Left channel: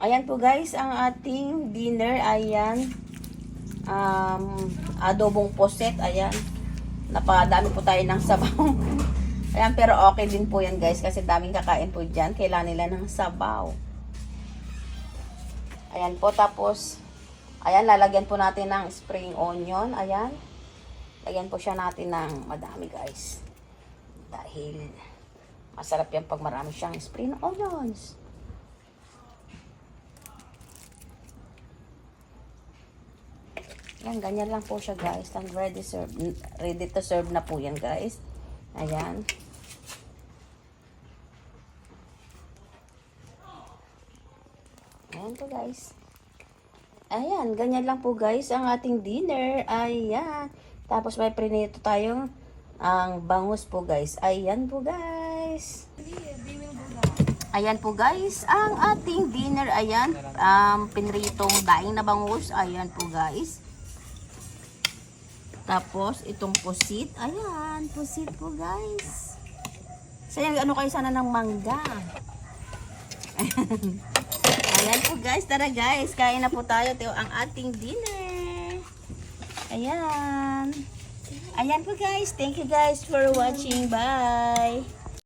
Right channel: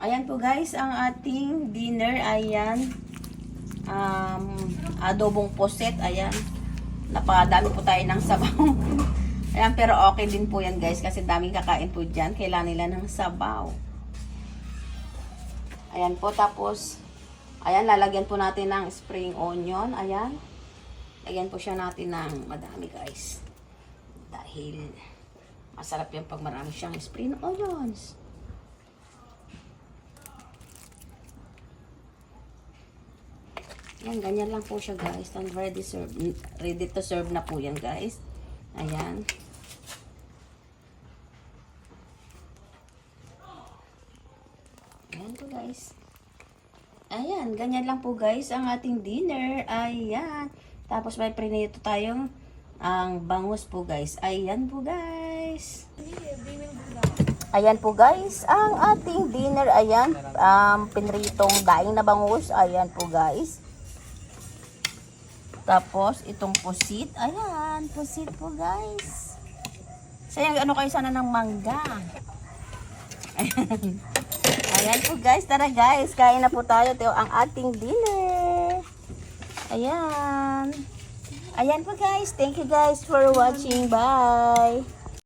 Ayan po guys, ang ating dinner. Ayan. Adobong puset. Ayan. Napadami po tayo ng sabaw. Ayan, pero okay din po yan guys. Kasi daming kakain po dyan. Kailangan nila ng sabaw. Ayan po. Tapos, ayan, lalagyan po natin ng spring onion. Ayan. Lagyan po siya natin ng madami guys. Dahil masarap yan pag marami siyang spring onions. Yan, ganyan lang po siya guys. And ready to serve na po yan guys. Ayan. Ayan po guys. Ayan, ganyan lang po guys ang ating dinner. Ayan. Tapos may prinito tayong ang bangus po guys. Ayan po guys. Ayan po guys, ang ating dinner. Ayan, pinritong daing na bangus. Ayan po guys. Tapos itong pusit. Ayan, pusit po guys. Sayang ano kayo sana ng mangga. Ayan po guys, tara guys, kain na po tayo. Ito ang ating dinner. Ayan. Ayan po guys, thank you guys for watching. Bye.